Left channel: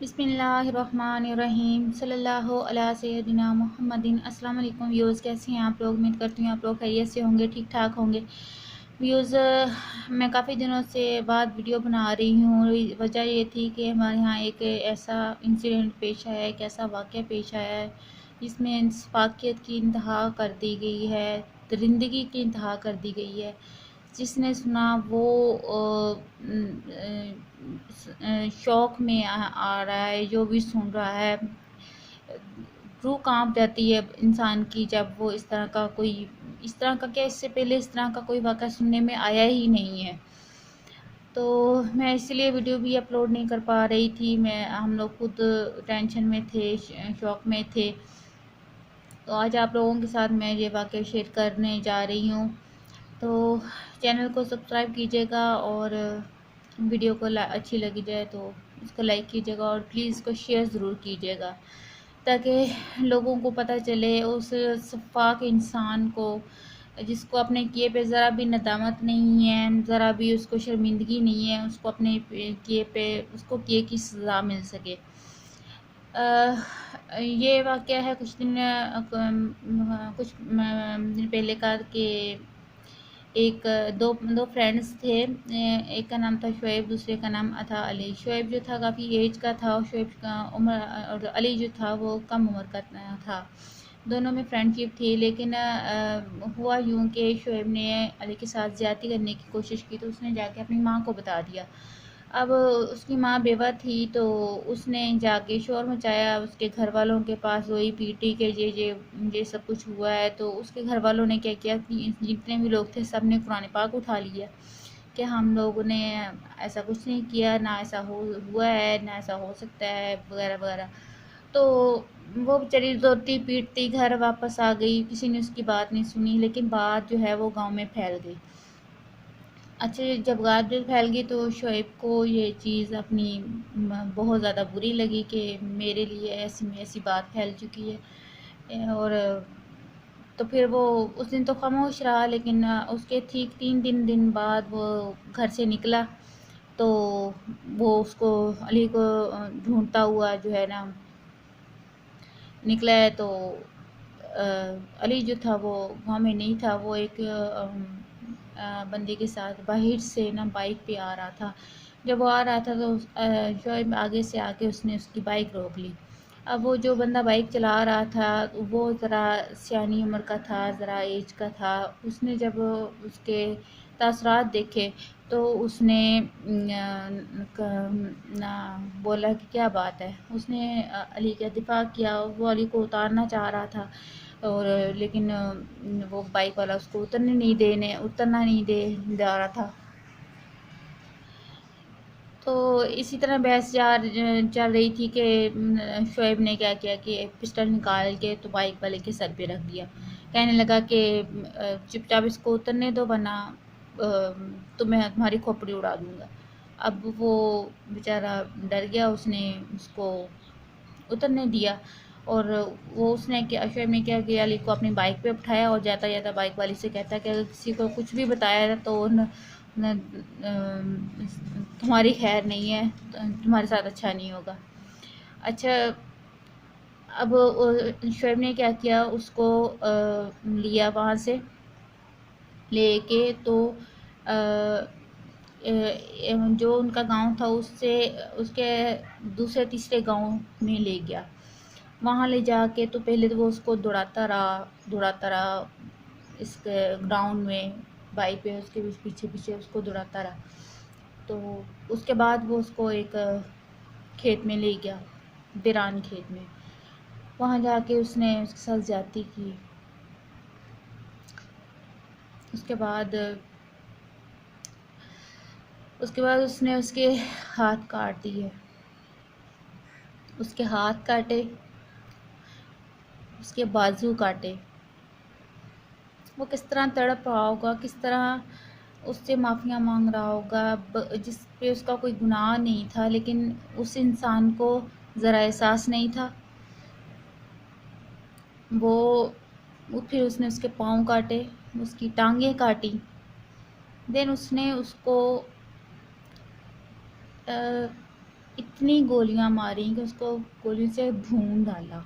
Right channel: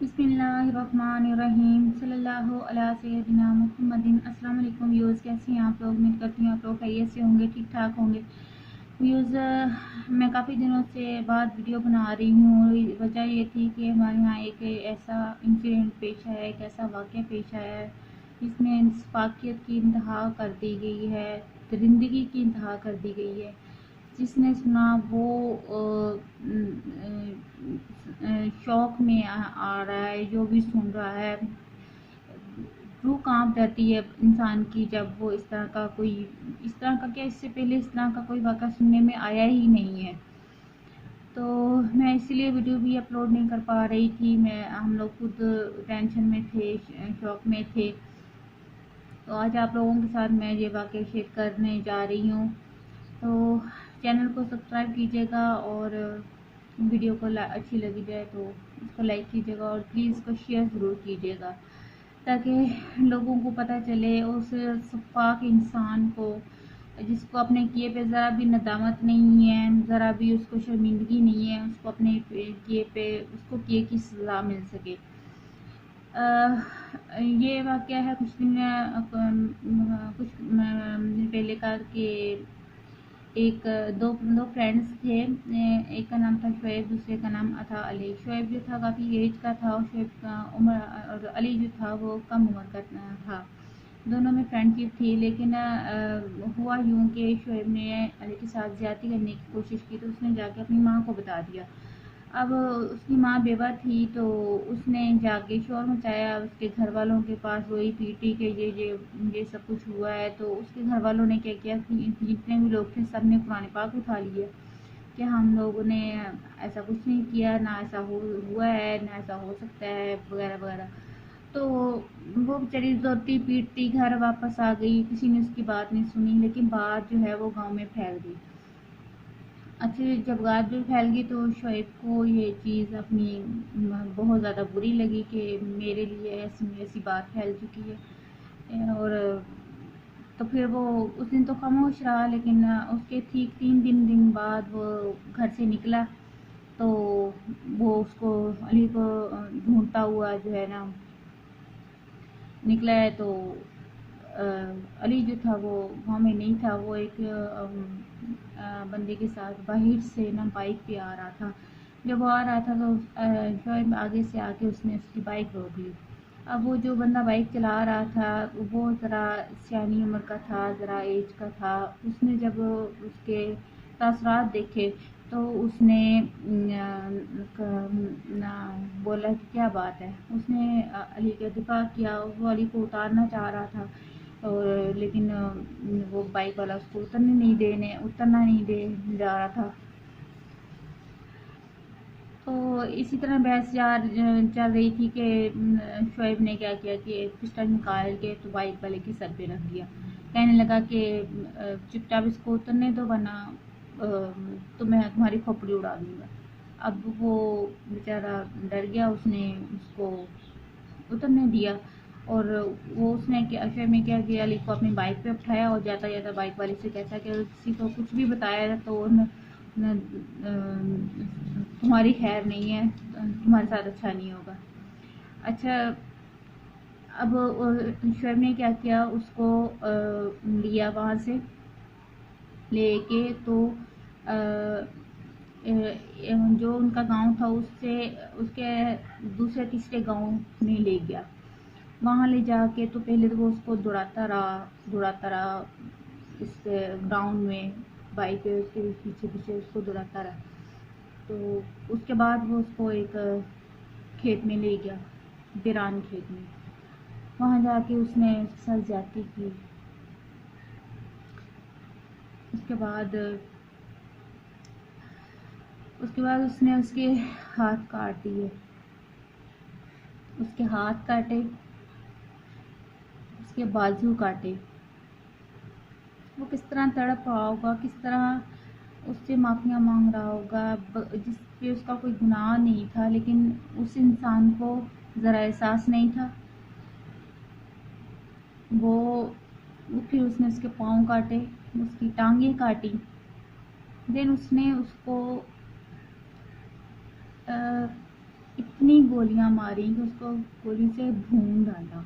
बिस्मिल्लाहिर्रहमानिर्रहीम सल्लल्लाहु अला सय्यदिना मुहम्मदिन। अस्सलाम वालेकुम व्यूज़, कैसे हैं आप लोग? उम्मीद करती हूँ आप लोग खैरियत से होंगे, ठीक ठाक होंगे। व्यूज़, मैं काफ़ी दिनों से बाद वीडियो बना रही हूँ। वजह ये थी कि हमारे यहाँ एक ऐसा इंसिडेंट पेश आया है, एक ऐसा वाक़या पेश आया है जिसमें इंसाफ़ियत की इंतहा कर दी गई है, दरिंदगी की इंतहा कर दी गई है। जिसने सुना वो शौक़ में आ रहा है, जो भी सुन रहा है रूह कांप जाती है इंसान की जब वो इस तरह का कोई, इस तरह का क्या, इससे पहले इस तरह का कोई वाक़या सुनने में आया ही नहीं है। तो मैं इसलिए वीडियो भी अपलोड नहीं कर पा रही थी। हम लोग खुद टेंशन में थे, शौक़ में थे। तो आज आप लोगों के साथ मैं ये वाक़या शेयर करने जा रही हूँ। तो चैनल को सब्सक्राइब कीजिएगा और वीडियो को अच्छी लगी जाए तो उसको लाइक कीजिएगा और प्लीज़ इसको शेयर ज़रूर कीजिएगा, ताकि लोगों को पता चले उस सफ़ाक इंसान को जिसको अपने किए पे ज़रा भी नदामत नहीं है, ज़रा भी उसको शर्मिंदगी नहीं है, उसको अपने किए पे उसको किए की सज़ा मिल सके। ये वाक़या है कुछ दिन पहले का कि एक दो दो फ्रेंड्स थे। एक का नाम था शुएब, दूसरे का नाम था अली। शुएब जो था काफ़ी एज का था और शुएब का उम्र, और अली जो था वो कम उम्र का था। दोनों में फ्रेंडशिप थी, लेकिन हुआ यूँ कि शुएब ने अली के साथ ज़्यादती करने की कोशिश की, तो उसने जाके अपनी माँ को बता दिया। अब उसकी माँ बेवा थी, तो उसने जाके शोर मचाया उसके घर वालों के पास, वही पीटी के ये सब कुछ हुआ है। तो उसके घर वालों ने क्या किया कि जितने भी लोग थे सब ने कुरान पाक उठा लिया कि हम लोगों ने ऐसा कुछ नहीं किया, ना ऐसा हुआ है, ना ऐसा हो सकता है, वगैरह वगैरह। तो वो बेचारी रोती पीटती घर वापस आ गई, किसी ने उसकी बात नहीं सुनी, लेकिन बात जो है वो गांव में फैल गई। अच्छा, जब बात फैल गई तो शुएब को ये चीज़ अपनी बहुत ज़्यादा बुरी लगी कि मेरे लिए ऐसी बात फैल चुकी है। और तो फिर वो उस दिन तो खामोश रहा, लेकिन उसके ठीक 3 दिन बाद वो घर से निकला। तो वो उसको, अली को ढूंढता हुआ जो है ना निकला है। तो अली जो था वो गाँव में नहीं था, वो एक बंदे के साथ बाहर से ना बाइक पे आ रहा था। जब वो आ रहा था तो शुएब आगे से आके उसने उसकी बाइक रोक ली। अब वो जो बंदा बाइक चला रहा था वो ज़रा सियानी उम्र का था, ज़रा एज का था। उसने जब उसके तासरात देखे तो उसने ना बोला कि क्या बात है। उसने अली का दिफा किया, वो अली को उतारना चाह रहा था, और लेकिन वो बाइक वाला उसको उतरना नहीं दे जा रहा था। तो इसी तरह बहस चल रही थी कि शुएब ने क्या किया कि पिस्टल निकाल के तो बाइक वाले के सर पे रख दिया। कहने लगा कि चुपचाप इसको उतरने दो, वरना तो मैं तुम्हारी खोपड़ी उड़ा दूँगा। अब वो बेचारा डर गया, उसने उसको उतरने दिया। और वो उसने क्या, शुएब ने क्या किया, अली को अपनी बाइक पे उठाया और जाता जाता बाइक वाले से कहता कि अगर किसी को कुछ भी बताया तो न तुम्हारी खैर नहीं है, तुम्हारे साथ अच्छा नहीं होगा। अच्छा, अब शुएब ने क्या किया, उसको लिया वहाँ से लेके, तो जो उनका गांव था उससे उसके दूसरे तीसरे गांव में ले गया। वहाँ ले जाके तो पहले तो वो उसको दौड़ाता रहा इस ग्राउंड में, बाइक पे उसके पीछे पीछे उसको दौड़ाता रहा। तो उसके बाद वो उसको एक खेत में ले गया, बिरान खेत में। वहाँ जाके उसने उसके साथ ज़्यादती की। उसके बाद उसने उसके हाथ काट दिए, उसके हाथ काटे, उसके बाजू काटे। वो किस तरह तड़प रहा होगा, किस तरह उससे माफ़ियाँ मांग रहा होगा, जिस पे उसका कोई गुनाह नहीं था, लेकिन उस इंसान को ज़रा एहसास नहीं था। फिर उसने उसके पाँव काटे, उसकी टांगें काटी। देन उसने उसको इतनी गोलियां मारी कि उसको गोलियों से भून डाला।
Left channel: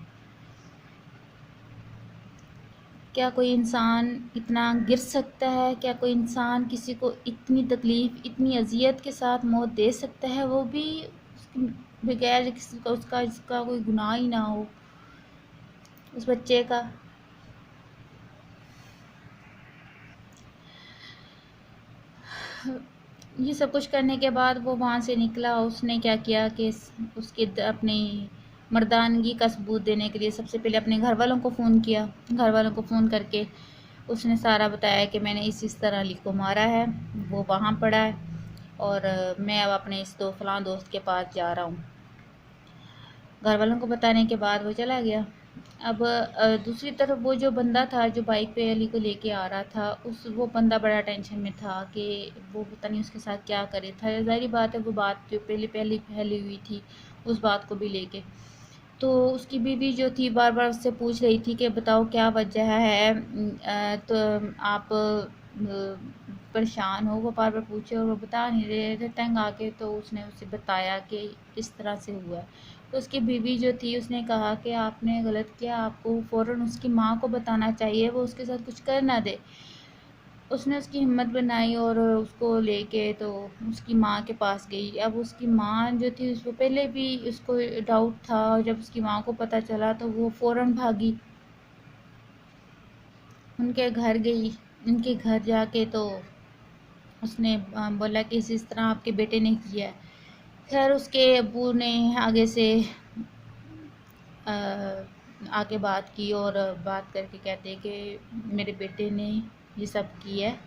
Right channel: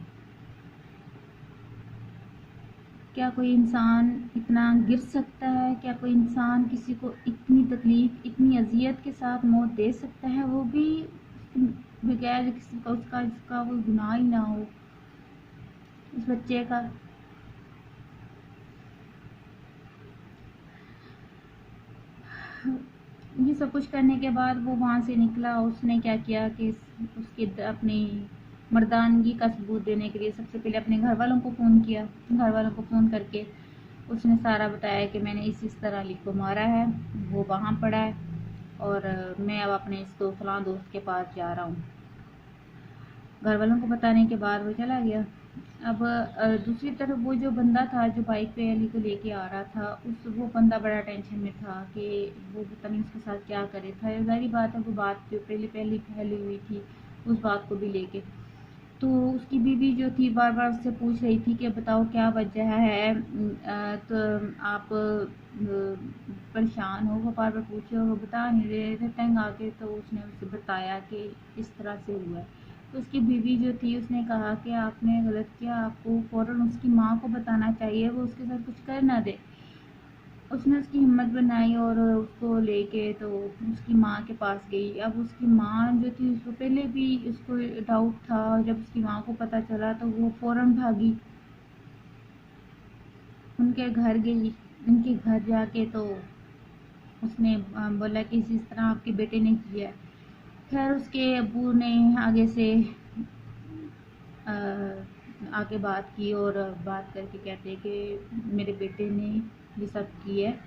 क्या कोई इंसान इतना गिर सकता है? क्या कोई इंसान किसी को इतनी तकलीफ़, इतनी अज़ियत के साथ मौत दे सकता है, वो भी बगैर किसी का उसका जिसका कोई गुनाह ही ना हो, उस बच्चे का। ये सब कुछ करने के बाद वो वहाँ से निकला। उसने क्या किया कि उसके अपनी मर्दानगी का सबूत देने के लिए सबसे पहले अपने घर वालों को फ़ोन किया। घर वालों को फ़ोन करके उसने सारा बताया कि मैंने इस तरह अली को मारा है, वो वहाँ पड़ा है और मैं अब अपने इस फलां दोस्त के पास जा रहा हूँ। घर वालों को बताने के बाद वो चला गया। अब दूसरी तरफ वो जो बंदा था जो बाइक पे अली को लेके आ रहा था, वो बंदा बड़ा टेंशन में था कि वो पता नहीं उसके साथ क्या करे था। ज़ाहिर बात है, वो बात जो पहले फैली हुई थी उस बात को भी लेके। तो उसकी बीवी जो थी बार बार उससे पूछ रही थी कि बताओ क्या वजह है, तो आप परेशान हो। वो बार बार पूछे और वो बता नहीं रहे थे। तंग आके तो उसने उसे बताया कि इस तरह से हुआ है। तो उसकी बीवी जो थी उसने कहा कि आपने गलत किया, आपको फ़ौरन उसकी माँ को बताना चाहिए, वो उसके साथ कुछ कर ना दे। उसने उसकी हिम्मत बनाई और उसको लेके तो उसकी माँ के पास गई। अब उसकी माँ जो थी उसको पहले भी उसको डाउट था और जब उसकी माँ को पता चला तो वो फ़ौरन भागी, उनके घर गई। उनके घर जाके तो उसने बोला कि इस तरह आपके बेटे ने किया है। खैर उसके अब्बू ने आगे से आके बात की और बात करके कहते कि मेरे बेटे ने ये सब किया है,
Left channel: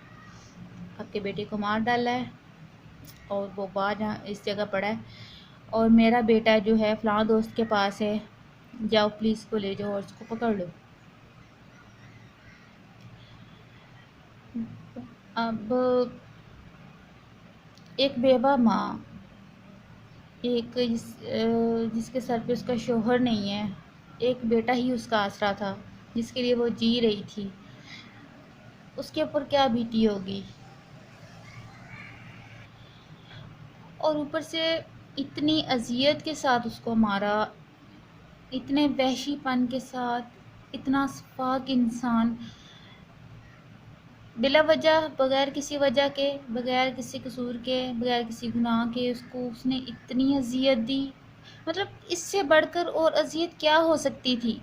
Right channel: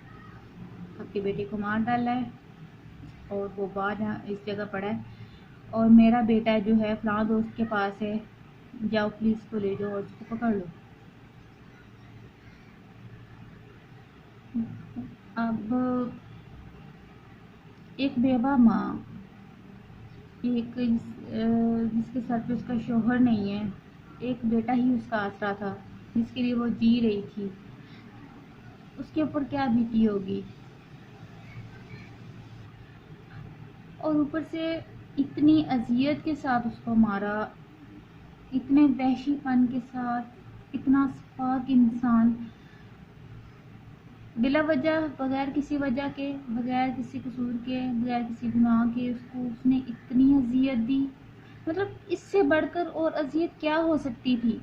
आपके बेटे को मार डाला है और वो बाहर इस जगह पड़ा है और मेरा बेटा जो है फलां दोस्त के पास है, जाओ पुलिस को ले जाओ और उसको पकड़ लो। अब एक बेवा माँ, जिसके सर पे उसका शोहर नहीं है, एक बेटा ही उसका आसरा था जिसके लिए वो जी रही थी, उसके ऊपर क्या बीती होगी। और ऊपर से इतनी अजियत के साथ उसको मारा, इतने वहशीपन के साथ। इतना सफाक इंसान बिला वजह, बगैर किसी वजह के, बगैर किसी कसूर के, बगैर किसी गुनाह के उसको उसने इतनी अजियत दी। मतलब इससे बढ़कर और अजियत क्या हो सकती थी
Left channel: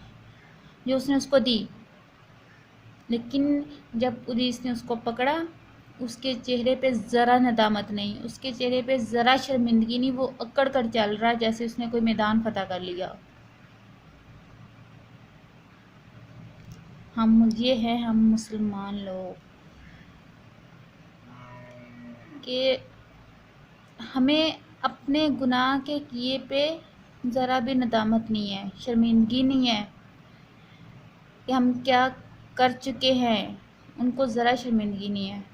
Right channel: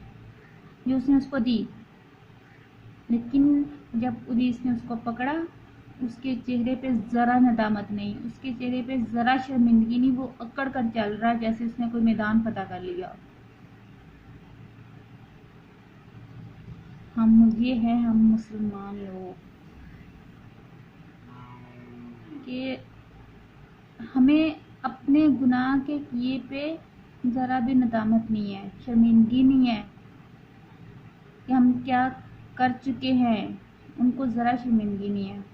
जो उसने उसको दी। लेकिन जब पुलिस ने उसको पकड़ा, उसके चेहरे पे ज़रा नदामत नहीं, उसके चेहरे पे ज़रा शर्मिंदगी नहीं। वो अकड़ कर चल रहा है जैसे उसने कोई मैदान फतह कर लिया। हम मुसलमान लोग कि हमें अपने गुनाह के किए पे ज़रा भी नदामत नहीं है, शर्मिंदगी नहीं है कि हम क्या कर चुके हैं, उनको ज़रा शर्मिंदगी नहीं है।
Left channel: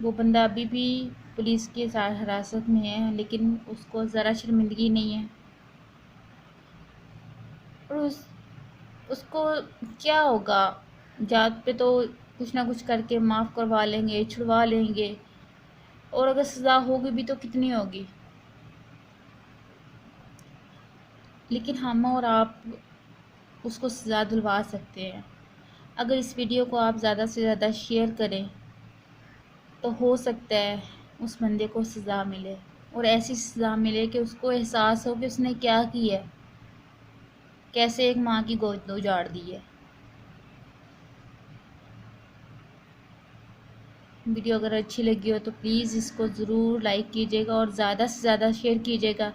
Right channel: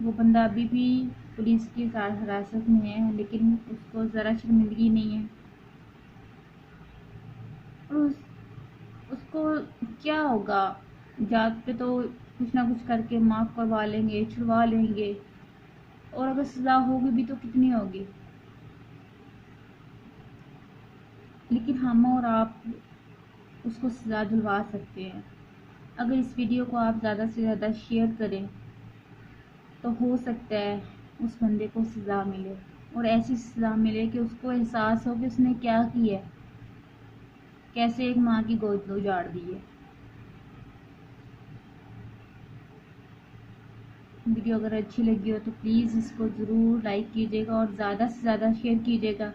वो बंदा अभी भी पुलिस के हिरासत में है लेकिन उसको ज़रा शर्मिंदगी नहीं है। और उसको क्या होगा, जात पे तो कुछ ना कुछ करके माफ़ करवा लेंगे, छुड़वा लेंगे, और अगर सज़ा होगी भी तो कितनी होगी। लेकिन हम और आप उसको सज़ा दिलवा सकते हैं। अगर इस वीडियो को आप ज़्यादा से ज़्यादा शेयर करें तो हो सकता है उस बंदे को सज़ा मिले, और ऐसी सज़ा मिले कि उसको एहसास हो कि उसने क्या किया है, कैसे एक माँ की गोद उजाड़ दी है। वीडियो अगर अच्छी लगी हो तो प्लीज़ इसको ज़रूर लाइक कीजिएगा और ज़्यादा से ज़्यादा शेयर कीजिएगा,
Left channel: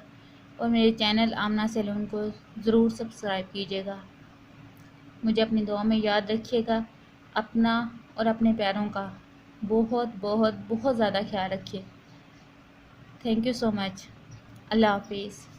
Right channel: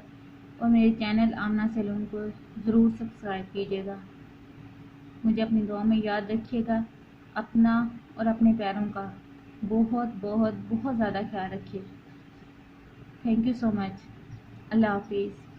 और मेरे चैनल आमना सैलून को ज़रूर सब्सक्राइब कीजिएगा। मुझे अपनी दुआ में याद रखिएगा। अपना और अपने प्यारों का बहुत बहुत बहुत ज़्यादा ख्याल रखिए। Thank you so much. अल्लाह हाफिज़।